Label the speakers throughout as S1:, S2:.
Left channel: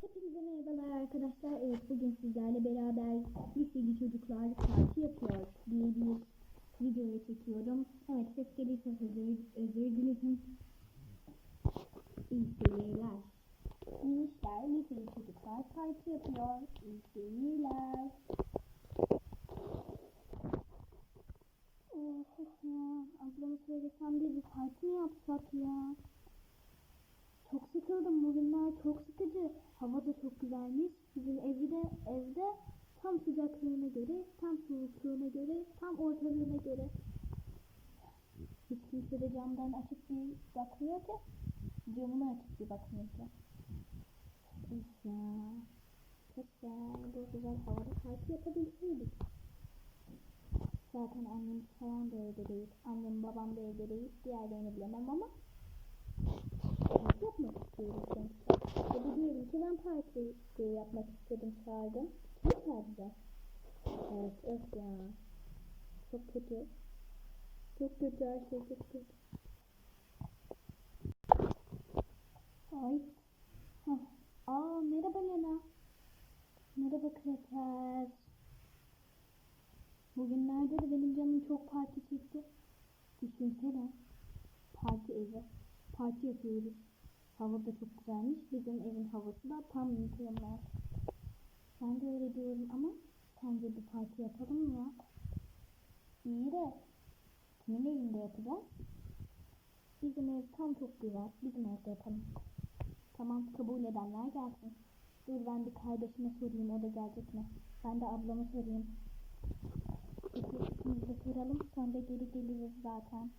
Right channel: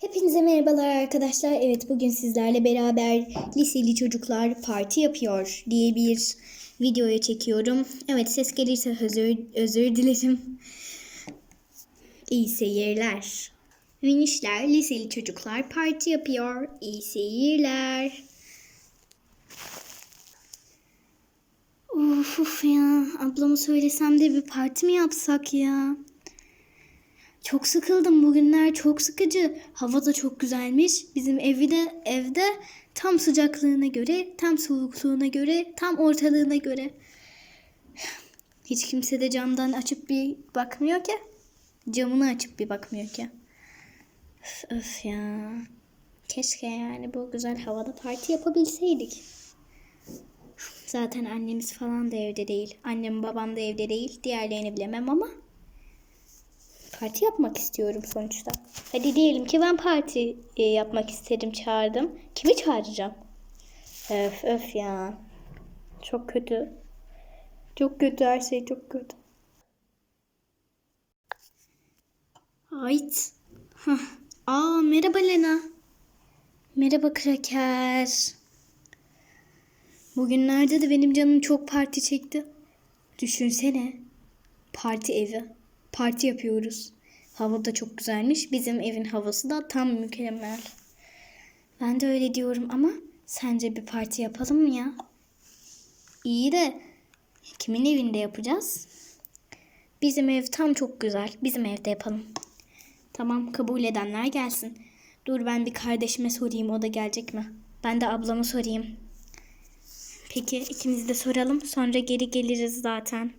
S1: Hepinize merhabalar arkadaşlar. Evet bugün sizlerle beraber liseli çocuklar parti yapıyor diye bir videoya çekiyorum. Evet ses gelirse özür, özür dilerim. İyi seyirler. Minişler liseli çocuklar parti yapıyor. İyi seyirler. Of, of ya ablama söylesem de bir parti mi yapsak ya? Çok sıkıldım bugünler çok sıkıcı. Hava da çok güzelmiş. Bizim evi de evde tam sıcaklığına göre, tam soğukluğuna göre, tam ortalığına göre. Hiç kimse de camdan açıp bir bakmıyor ki. Camını açıp bir bakmıyor ki. Öf, öf ya. Keşke yani bu güzel havada parti yapabilseydik. Zaten annemiz falan da evde değil. Annem babam da evde değil. Diğerlerini bilemem ama parti yapmak istiyorum sonuçta. Hadi diyelim ki ben parti e, yapmak istedim çağırdım. Kimi çağıracağım? Öf öf ya. Çok kötü. Çok kötü her şey çok kötü. Ait. Aa merhaba Lena. Merhaba Kraker. Bugünlerde de benim canım çok parti çekti. Düşünsene. Parti evi. Parti yapıyoruz. Hava da çok güzelmiş. Bizim evin havası da tam mükemmel. Ben de öyle diyorum ama sence bir parti yapalım mı ya? İyi de kimin evinde yapacağız? Bizim ev tam çok güzel. Bizim evde yapalım. Tamam kabul edenler gelsin. Dur ben bir kardeşime sorayım o da gelecek mi? Ben de ablama sorayım. Peki ikimiz de soralım. Sonra geri geliriz zaten.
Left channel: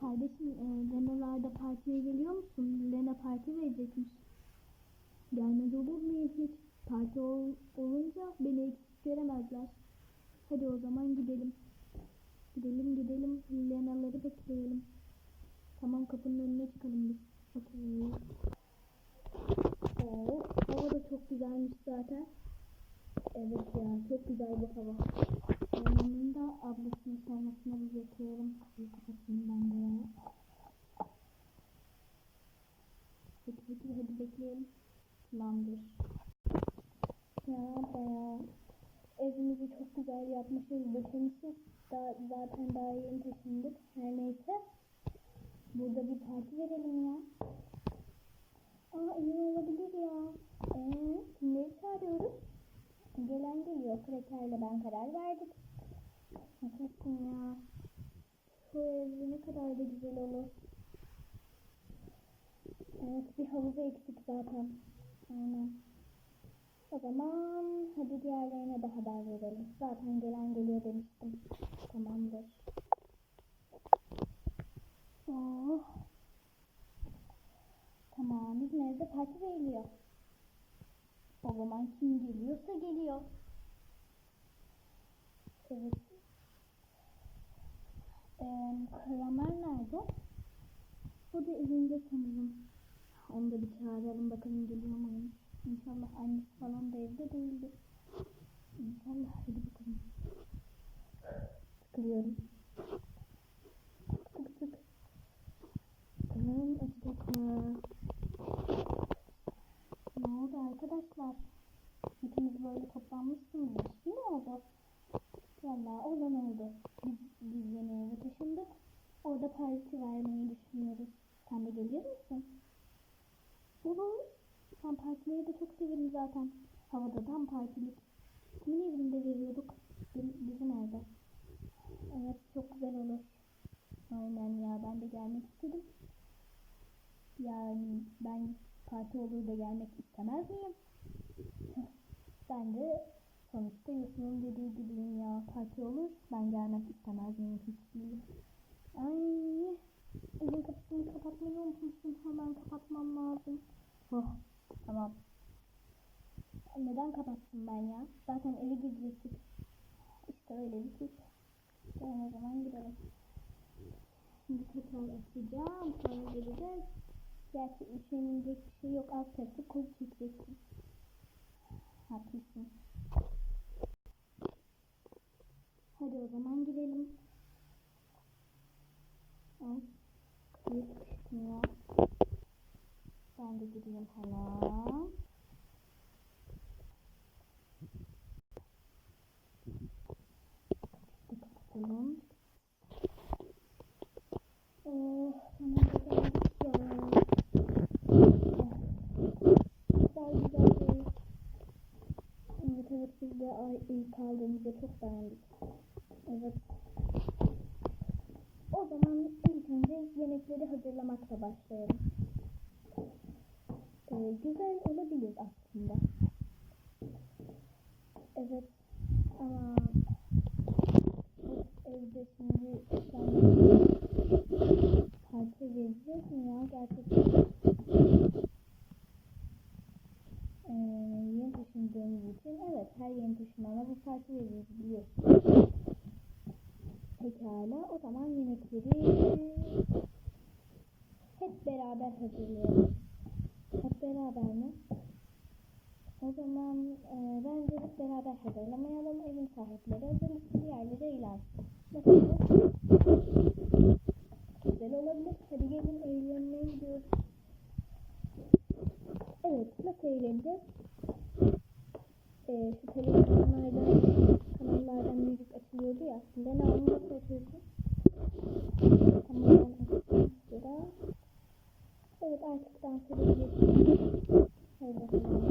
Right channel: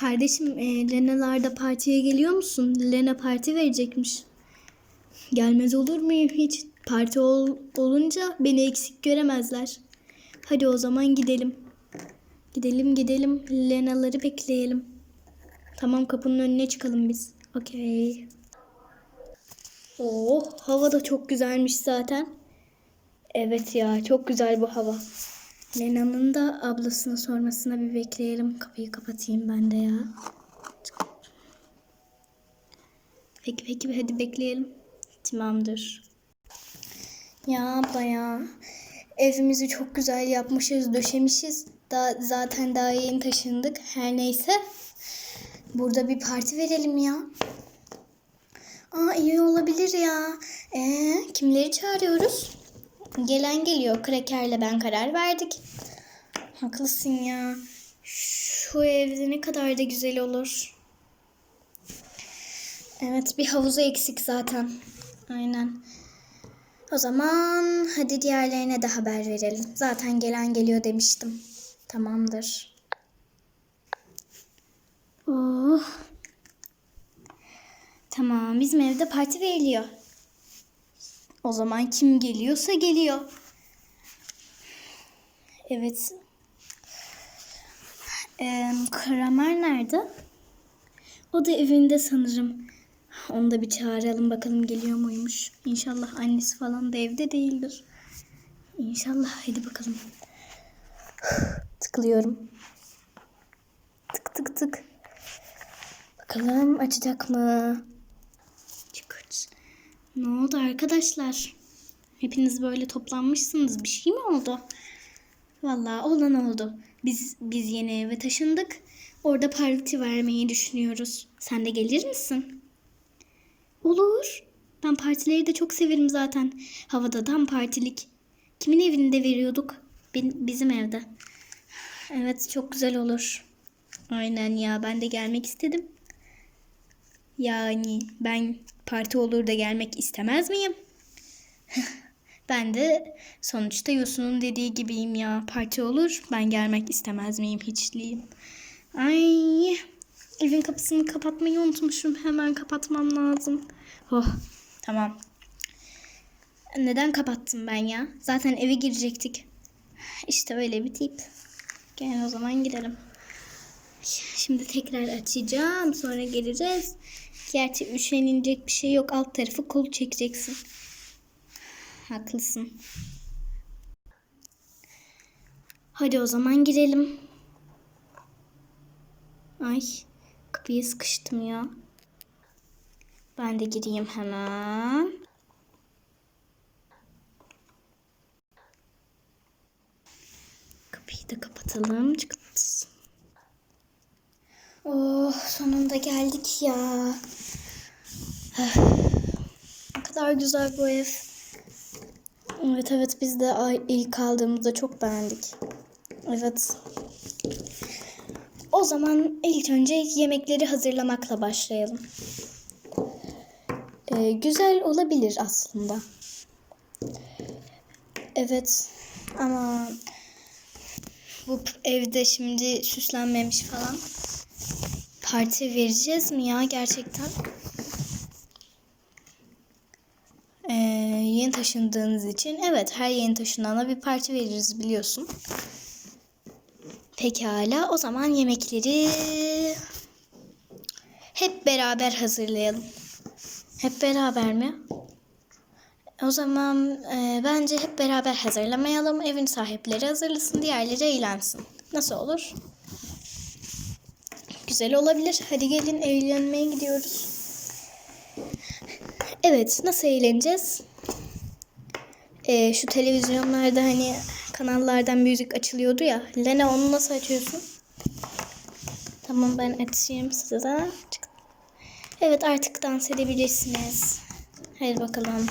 S1: Kardeşim e, Lena'larda partiye geliyor musun? Lena parti verecekmiş. Gelmez olur muyum hiç? Parti ol, olunca beni eksik göremezler. Hadi o zaman gidelim. Gidelim gidelim. Lena'ları bekleyelim. Tamam kapının önüne çıkalım biz. Okey. Oh hava da çok güzelmiş zaten. Evet ya çok güzel bu hava. Lena'nın da ablasına sormasına bir bekleyelim. Kapıyı kapatayım ben de ya. Peki peki hadi bekleyelim. Tamamdır. Ya abla ya. Evimizi çok güzel yapmışız, döşemişiz. Da, zaten daha yeni taşındık. Her neyse. Burada bir parti verelim ya. Aa iyi olabilir ya. Ee, kimleri çağırıyoruz? Gelen geliyor. Kraker'le ben karar verdik. Haklısın ya. Şu evde ne kadar da güzel olur. Evet bir havuzu eksik zaten. Aynen. O zaman hadi diğerlerine de haber verelim. Zaten gelen geliyor demiştim. Tamamdır. Oh. Tamam bizim evde parti veriliyor. O zaman kim geliyorsa geliyor. Evet. Ee, Kramer nerede? O da evinde sanırım. Onu da bir çağıralım bakalım geliyor muymuş. İnşallah annesi falan da evde değildir. İnşallah hadi bakalım. Tıklıyorum. Tık tık tık. Bakalım açacak mı? Çıkart. Ne oldu arkadaşlar? Hepiniz böyle toplanmışsınız. Bir şey mi oldu? Vallahi olan oldu. Biz biz yeni eve taşındık. Orada parti vermeyi düşünüyoruz. Sen de gelir misin? Olur. Ben partileri de çok severim zaten. Havada tam partilik. Kimin evinde veriyorduk? Bizim evde. Evet çok güzel olur. Aynen ya ben de gelmek istedim. Yani ben parti olur da gelmek istemez miyim? ben de sonuçta Yosun'un dediği gibiyim ya. Parti olur ben gelmek istemez miyim hiçliyim. Ay evin kapısını kapatmayı unutmuşum. Hemen kapatmam lazım. Oh tamam. Neden kapattım ben ya? Zaten eve girecektik. İşte öyle bir tip. Gel o zaman gidelim. Şimdi tekrar açacağım. Sonra geleceğiz. Gerçi üşenilecek bir şey yok. Alt tarafı kol çekeceksin. Haklısın. Hadi o zaman girelim. Ay kapıyı sıkıştım ya. Ben de gireyim hemen. Kapıyı da kapatalım. Çıkıt. Oh sonunda geldik ya. Ne kadar güzel bu ev. Evet evet biz de ilk aldığımızda çok beğendik. Evet. O zaman ilk önce yemekleri hazırlamakla başlayalım. Ee, güzel olabilir aslında. Evet ama bu evde şimdi süslenmemiş falan. Parti vereceğiz mi ya gerçekten? Ee, yeni taşındığınız için evet her yeni taşınana bir parti veririz biliyorsun. Pekala o zaman yemekleri hep beraber hazırlayalım. Hep beraber mi? O zaman e, bence hep beraber hazırlamayalım. Evin sahipleri hazırlasın, diğerleri eğlensin. Nasıl olur? Güzel olabilir. Hadi gelin eğlenmeye gidiyoruz. Evet, nasıl eğleneceğiz? E, şu televizyonlarda hani kanallardan müzik açılıyordu ya. Lena onu nasıl açıyorsun? Tamam ben açayım size. Çık. Evet artık dans edebilirsiniz. Hadi bakalım.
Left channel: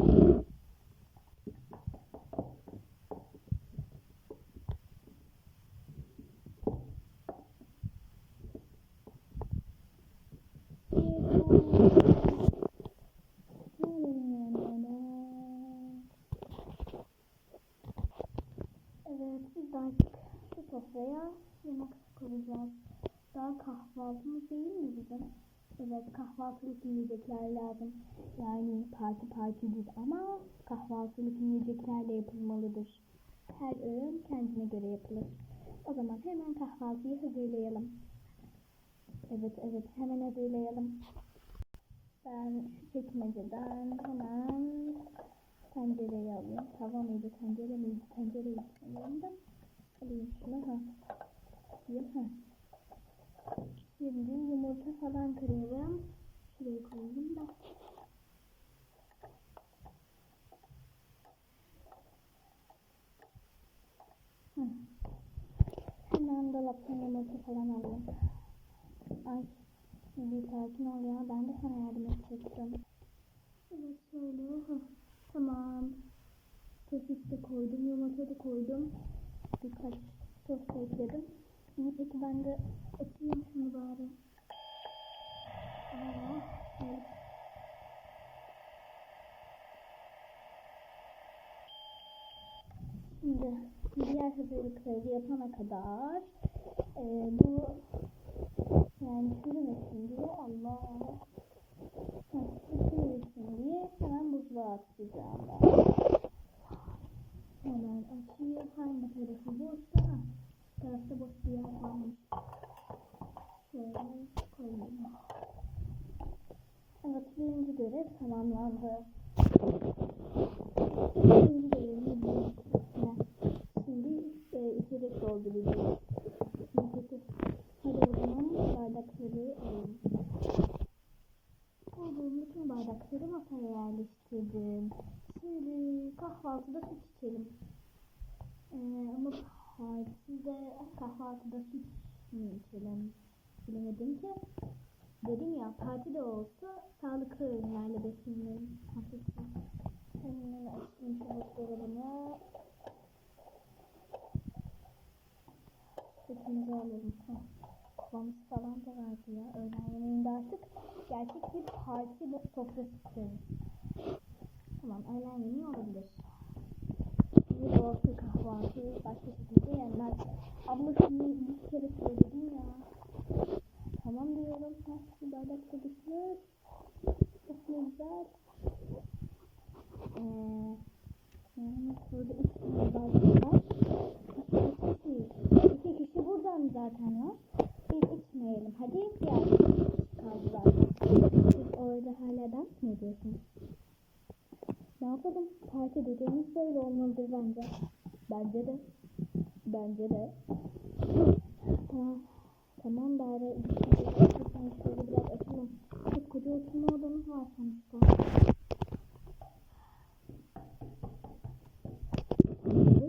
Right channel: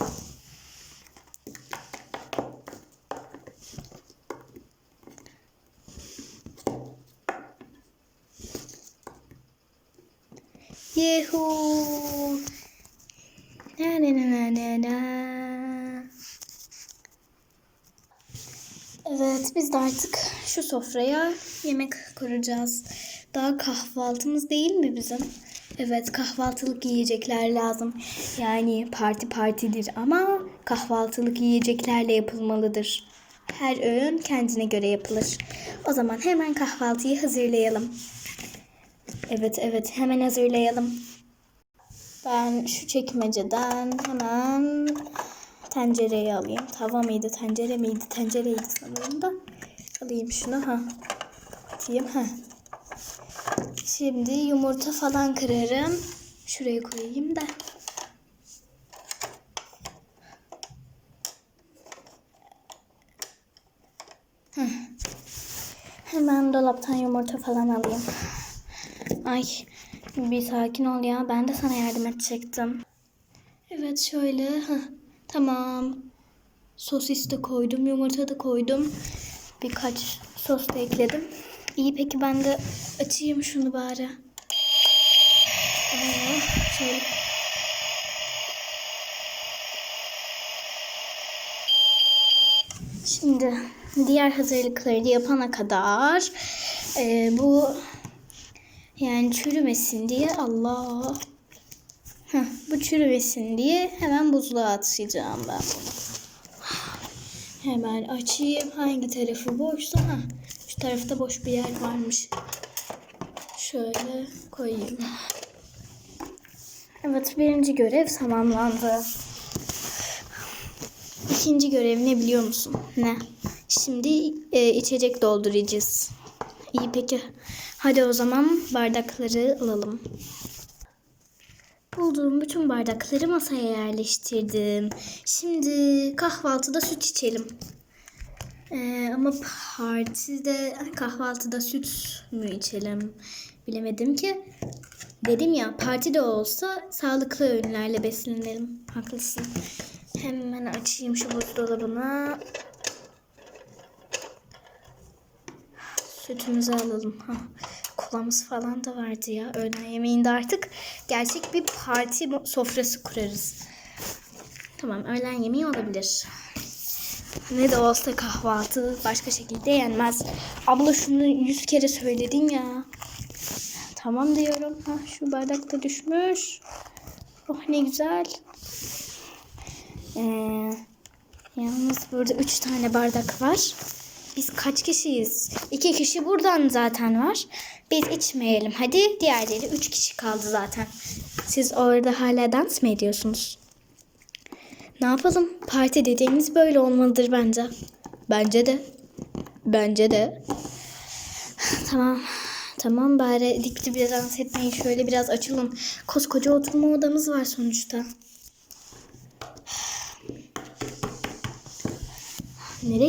S1: Şu sofraya yemek kuracağız. Daha kahvaltımız değil mi bizim? Evet kahvaltılık yiyecekler lazım. Yani parti partidir ama kahvaltılık yiyeceklerle yapılmalıdır. Her öğün kendine göre yapılır. O zaman hemen kahvaltıyı hazırlayalım. Evet evet hemen hazırlayalım. Ben şu çekmeceden hemen tencereyi alayım. Tava mıydı, tencere miydi? Tencereydi sanırım da. Alayım şunu ha. Kapatayım ha. Şimdi yumurta falan kırarım. Şuraya koyayım da. Hemen dolaptan yumurta falan alayım. Ay bir sakin ol ya. Ben de sana yardım edecektim. Evet şöyle. Heh, tamam. Sosis de koydum. Yumurta da koydum. Birkaç sos da ekledim. İyi peki ben de açayım şunu bari. Aa, şöyle. Şimdi diğer hazırlıkları da yapana kadar e, bu yani çürümesin diye Allah. Heh, bu çürümesin diye hemen buzluğa atacağım ben. Hemen açayım. Hangi tarafı boşsa. Ha, şu tarafta boş bir yer varmış. Şöyle koyayım. Evet birinci görev tamamlandı. İkinci görev ne biliyor musun? Ne? Şimdi e, içecek dolduracağız. İyi peki. Hadi o zaman bardakları alalım. Bulduğum bütün bardakları masaya yerleştirdim. Şimdi kahvaltıda süt içelim. Ee, ama partide kahvaltıda süt mü içelim bilemedim ki. Dedim ya partide olsa sağlıklı öğünlerle beslenelim. Haklısın. Hemen açayım şu buzdolabını. Sütümüzü alalım. Ha, kolamız falan da vardı ya. Öğlen yemeğinde artık gerçek bir parti sofrası kurarız. Tamam öğlen yemeği olabilir. Ne de olsa kahvaltı başka şekilde yenmez. Abla şunu yüz kere söyledin ya. Tamam diyorum. Ha, şu bardak da düşmüş. Oh ne güzel. Ee, yalnız burada üç tane bardak var. Biz kaç kişiyiz? İki kişi buradan zaten var. Biz içmeyelim. Hadi diğerleri üç kişi kaldı zaten. Siz orada hala dans mı ediyorsunuz? Ne yapalım? Parti dediğimiz böyle olmalıdır bence. Bence de. Bence de. Tamam. Tamam bari dikti bir dans etmeyin. Şöyle biraz açılın. Koskoca oturma odamız var sonuçta.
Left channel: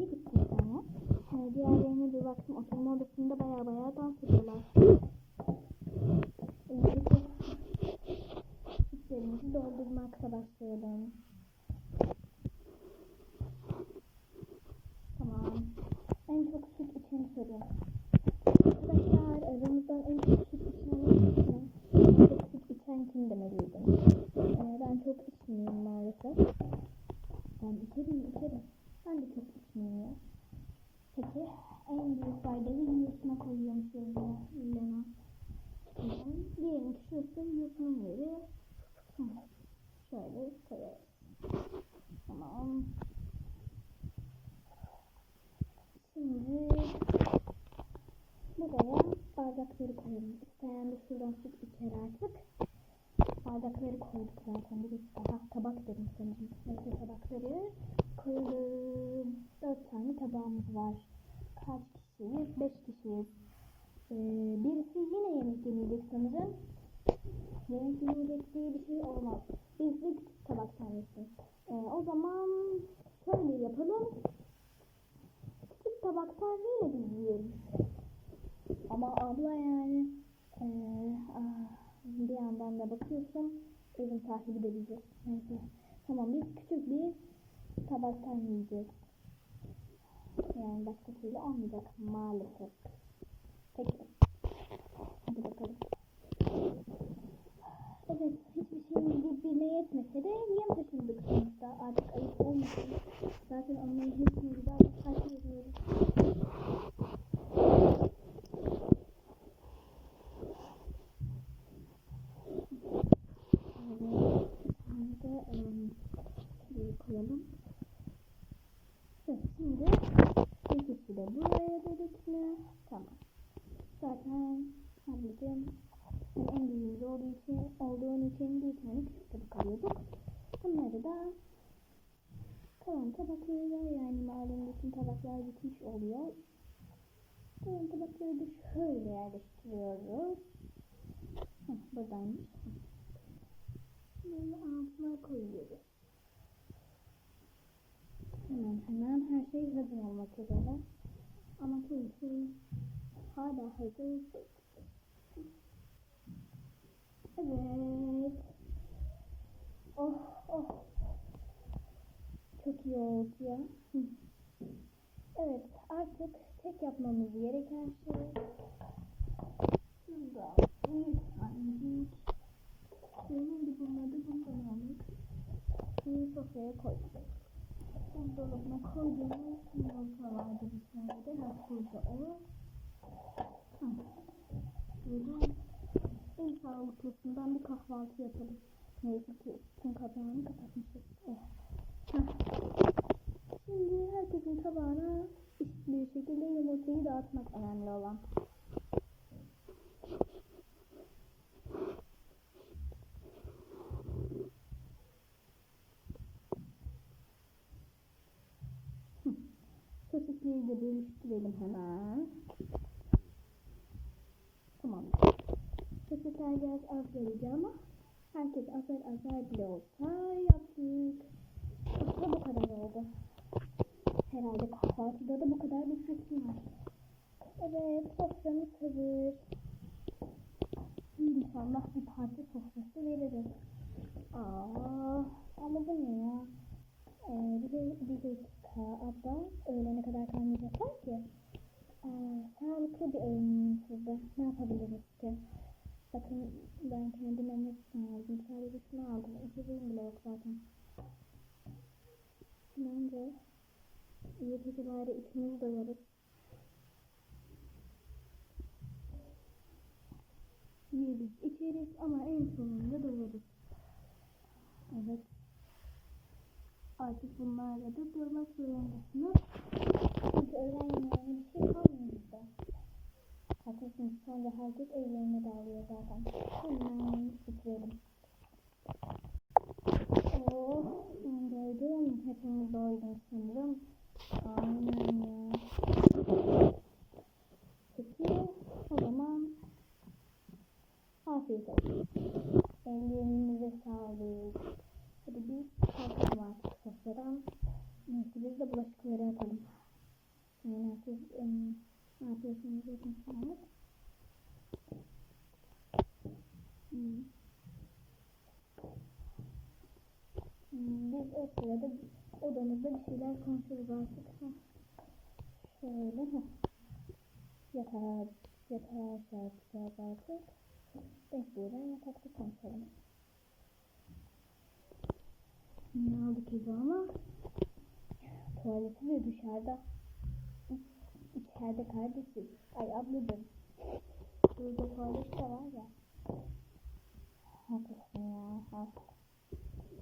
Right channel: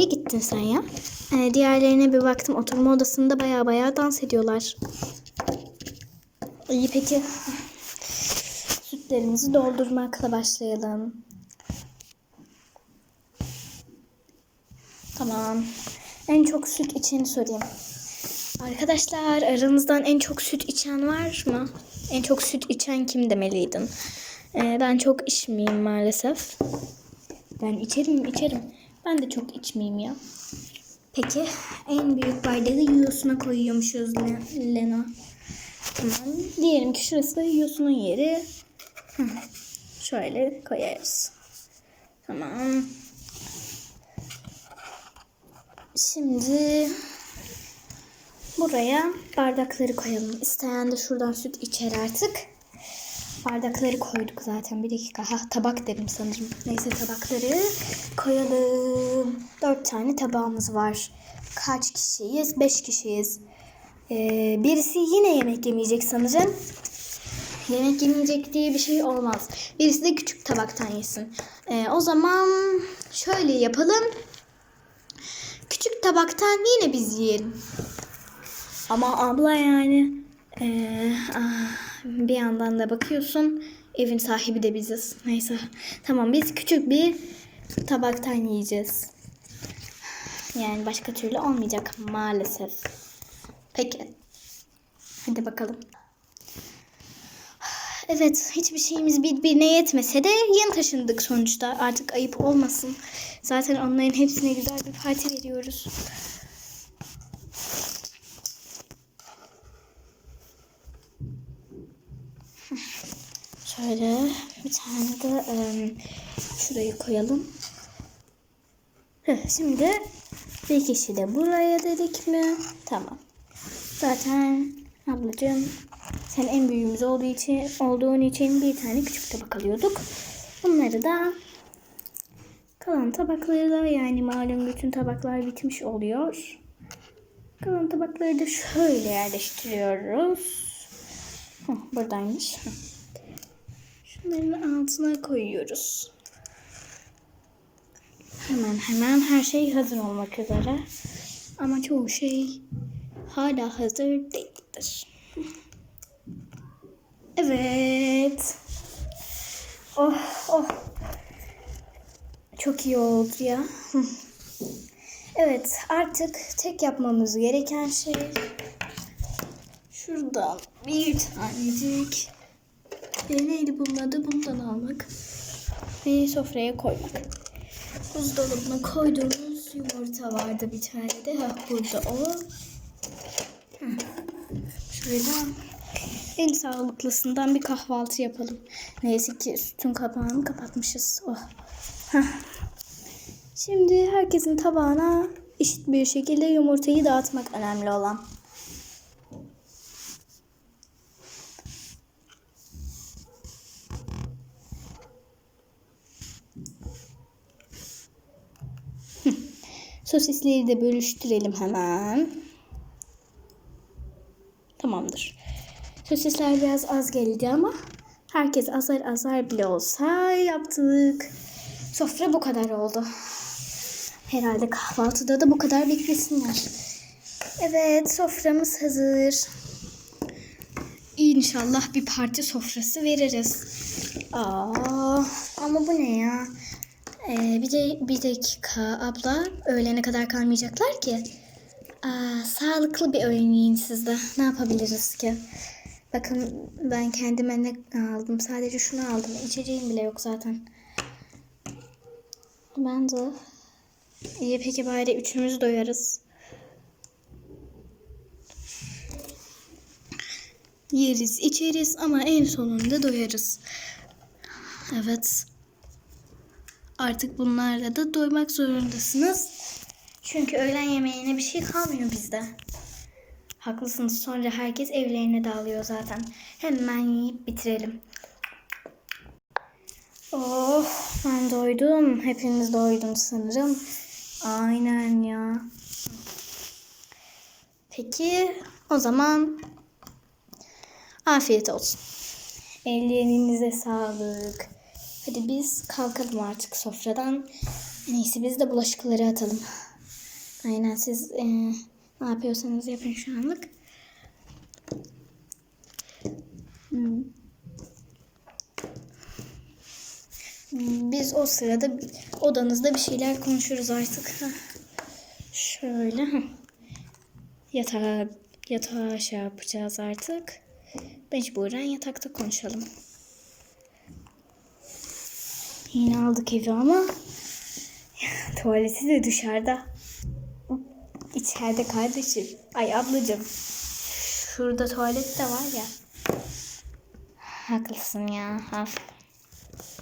S1: Gittin sen ya? Ee, diğerlerine bir baktım. Oturma odasında baya baya dans ediyorlar. İyi peki. Sütlerimizi doldurmakla başlayalım. Tamam. En çok süt içeni sorayım. Arkadaşlar aranızdan en çok süt içen var mı? En çok süt içen kim demeliydin? Ee, ben çok içmeyeyim maalesef. Ben içerim içerim. Ben de çok içmeyeyim ya. Peki en büyük bardağı yiyorsun'a koyuyormuşuz Le- Lena. Tamam. Diyelim ki şurası da yiyorsunun yeri. Şöyle koyarız. Tamam. Şimdi buraya bardakları koyalım. İsteyen de şuradan süt içer artık. Bardakları koyduk zaten. Bir dakika. Ha tabak dedim sanırım. Neyse tabakları koyalım. Dört tane tabağımız var. Kaç kişiyiz? Beş kişiyiz. Ee, birisi yine yemek yemeyecek sanırım. Yemek yemeyecek diye bir şey olmaz. Birisi de küçük tabaktan yesin. Ee, o zaman şöyle yapalım. Küçük tabaktan yine biz yiyelim. Ama abla yani eee, ah, bir yandan da bakıyorsun evin sahibi de biziz. Neyse tamam biz küçük bir tabaktan yiyeceğiz. Yani başka türlü olmayacak maalesef. Peki. Hadi bakalım. Evet, hiçbir şeyimiz birbirine yetmese de yeni taşındık sonuçta. Artık ayıp olmasın. Zaten onların hepsine güzel bir parti veriyoruz. Şöyle bir tane de em, şurayı koyalım. Heh, Şimdi bir kişi de buraya dedik mi? Tamam. Zaten ablacığım sen en büyüğümüz olduğu için olduğun için bir tane küçük tabak alıyorduk. Bunları da kalan tabakları da yani malum bütün tabaklar bitmiş oluyor. Kalan tabakları da şöyle yerleştiriyoruz. Hah, buradaymış. Hah. Altına koyuyoruz. Hemen hemen her şey hazır olmak üzere. Ama çoğu şey hala hazır değildir. Evet. Oh oh. Çok iyi oldu ya. Evet artık tek yapmamız gereken şey şuradan bir tanecik e, neydi bunun adı bundan almak ve sofraya koymak. Buzdolabına koyduğumuz yumurta vardı bir tane de. Ha, burada o. Şöyle en sağlıklısından bir kahvaltı yapalım. Neyse ki sütün kapağını kapatmışız. Oh. Şimdi herkesin tabağına eşit bir şekilde yumurtayı dağıtmak önemli olan. Sosisleri de bölüştürelim hemen. Tamamdır. Sosisler biraz az geldi ama herkes azar azar bile olsa yaptık. Sofra bu kadar oldu. Herhalde kahvaltıda da bu kadar beklesinler. Evet soframız hazır. İnşallah bir parti sofrası veririz. Aa, ama bu ne ya? Ee, bir de bir dakika abla öğlene kadar kalmayacaklar ki. Aa, sağlıklı bir öğün yiyin siz de. Ne yapabiliriz ki? Bakın ben kendime ne aldım? Sadece şunu aldım. İçeceğim bile yok zaten. Ben de. İyi peki bari üçümüz doyarız. Yeriz, içeriz ama en sonunda doyarız. Evet. Artık bunlarla da doymak zorundasınız. Çünkü öğlen yemeğine bir şey kalmıyor bizde. Haklısınız. Sonra herkes evlerine dağılıyor zaten. Hemen yiyip bitirelim. Oh, ben doydum. Hepiniz doydum sanırım. Aynen ya. Peki O zaman afiyet olsun. Ellerinize sağlık. Hadi biz kalkalım artık sofradan. İyisi biz de bulaşıkları atalım. Aynen siz e, ne yapıyorsanız yapın şu anlık. Hmm. Biz o sırada odanızda bir şeyler konuşuruz artık. Şöyle. Yatağa, yatağa şey yapacağız artık. Mecburen yatakta konuşalım. Yine aldık evi ama tuvaleti de dışarıda. İçeride kardeşim. Ay ablacığım. Şurada tuvalet de var ya. Haklısın ya. Af.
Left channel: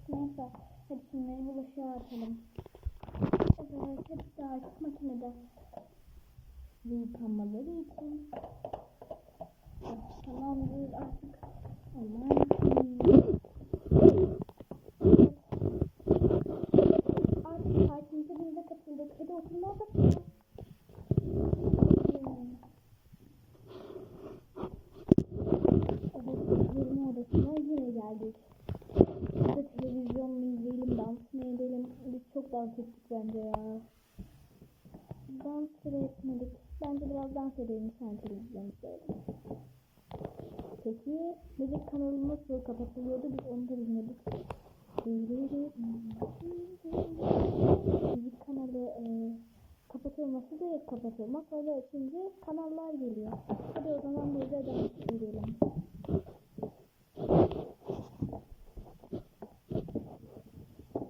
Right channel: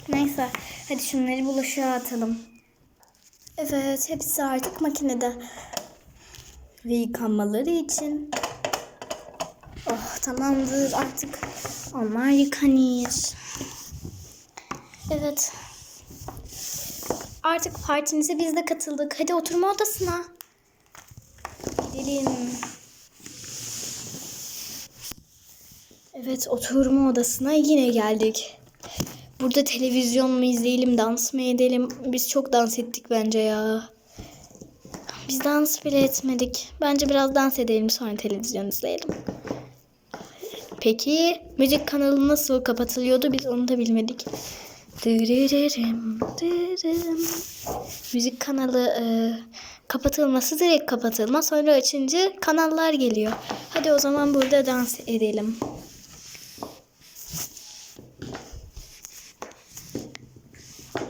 S1: Neyse. Hadi şunları bulaşığa atalım. Evet. Hepsi artık makinede. Ve yıkanmaları için. Oh tamamdır artık. Onlar yıkanır. Evet. Artık partimize biz de katıldık. Hadi oturma odasına. Gidelim. Evet oturma odasına yine geldik. Burada televizyon mu izleyelim, dans mı edelim? Biz çok dans ettik bence ya. Biz dans bile etmedik. Bence biraz dans edelim sonra televizyon izleyelim. Peki müzik kanalı nasıl kapatılıyordu biz onu da bilmedik. Müzik kanalı e, kapatılması direkt kapatılma sonra açınca kanallar geliyor. Hadi o zaman burada dans edelim.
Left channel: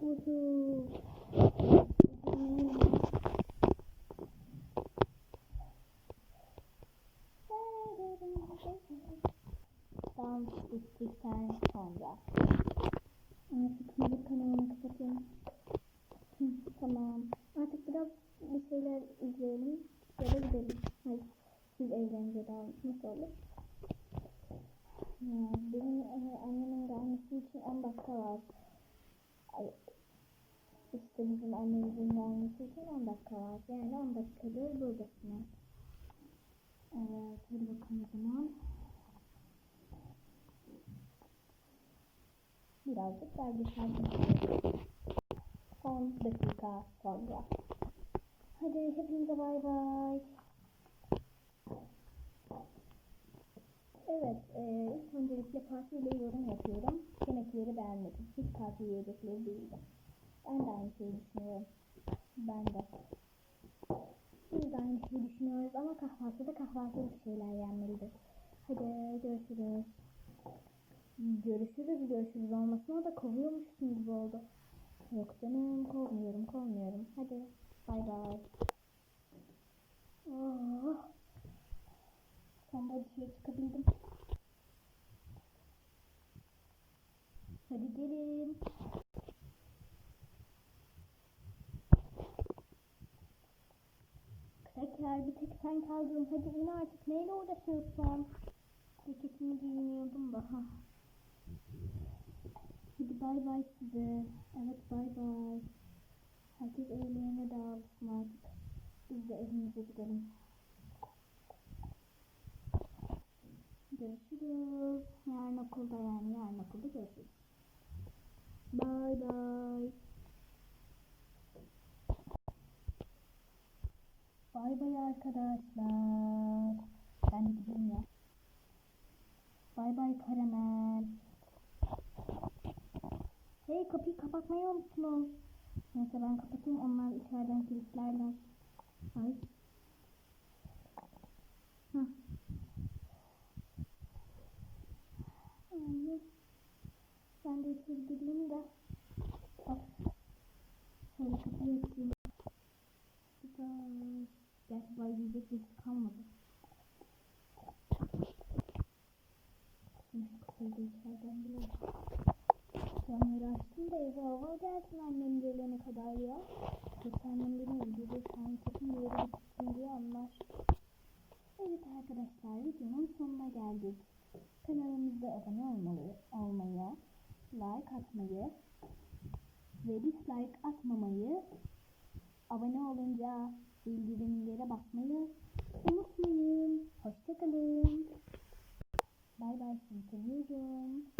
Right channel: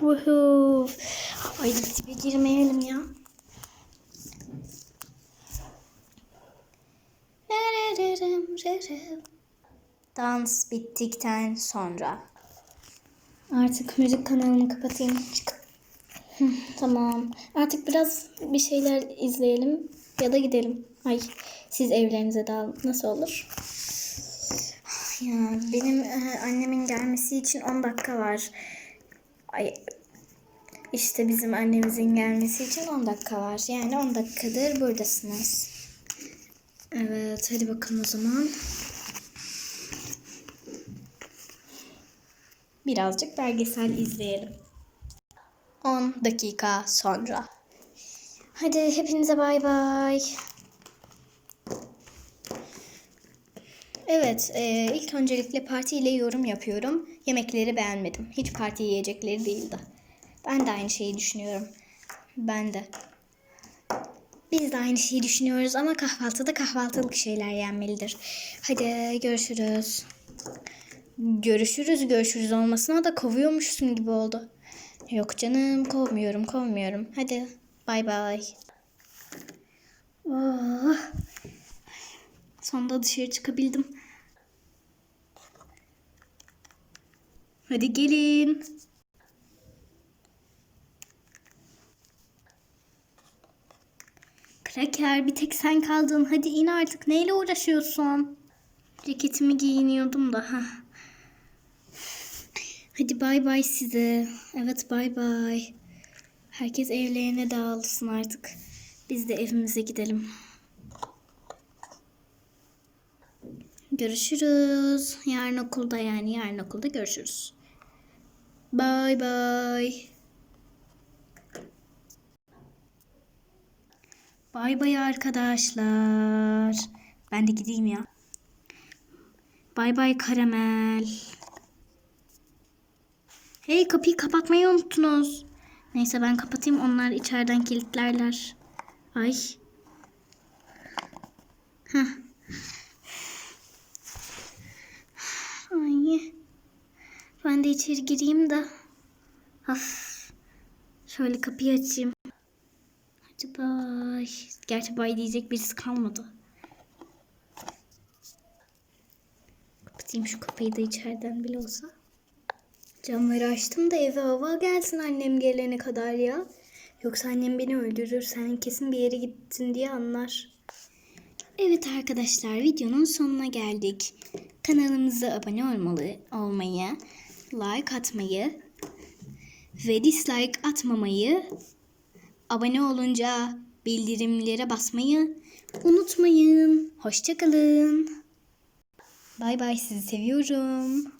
S1: Woohoo. Ay dibe girmeyelim ya. Dans bittikten sonra. Artık müzik kanalını kapatayım. Tamam. Artık biraz bir şeyler izleyelim ya da gidelim. Ay siz evlerinize dağılın. Nasıl olur? Ya benim e, annemin gelmesi için 10 dakika var. Ay işte bizim annemizin gelmesi için 10 dakika var. Yani 10 dakikadır buradasınız. Evet hadi bakalım o zaman. Birazcık belgesel izleyelim. 10 dakika sonra. Hadi hepinize bay bay. Evet, e, ilk öncelikle partiyle yorum yapıyorum. Yemekleri beğenmedim. Hiç parti yiyecekleri değildi. Ben de aynı şeyi düşünüyorum. Ben de. Biz de aynı şeyi düşünüyoruz ama kahvaltıda kahvaltılık şeyler yenmelidir. Hadi görüşürüz. Görüşürüz görüşürüz olmasına da kovuyormuşsun gibi oldu. Yok canım kovmuyorum kovmuyorum. Hadi bay bay. Oh. Sonunda dışarı çıkabildim. Hadi gelin. Kraker bir tek sen kaldın. Hadi in artık. Neyle uğraşıyorsun? Ceketimi giyiniyordum da. ha. Hadi bay bay size. Evet bay bay. Herkes evlerine dağılsın artık. Biz de evimize gidelim. Görüşürüz. Yarın okulda yani yarın okulda görüşürüz. Bay bay. Bay bay arkadaşlar. Ben de gideyim ya. Bay bay karamel. Hey kapıyı kapatmayı unuttunuz. Neyse ben kapatayım onlar içeriden kilitlerler. Ay. Heh. Ay. Ben de içeri gireyim de. Of. Şöyle kapıyı açayım. Hadi bay. Gerçi bay diyecek birisi kalmadı. Kapatayım şu kapıyı da içeriden bile olsa. Camları açtım da eve hava gelsin annem gelene kadar ya. Yoksa annem beni öldürür. Sen kesin bir yere gittin diye anlar. Evet arkadaşlar videonun sonuna geldik. Kanalımıza abone olmalı, olmayı, like atmayı ve dislike atmamayı, abone olunca bildirimlere basmayı unutmayın. Hoşçakalın. Bay bay sizi seviyorum.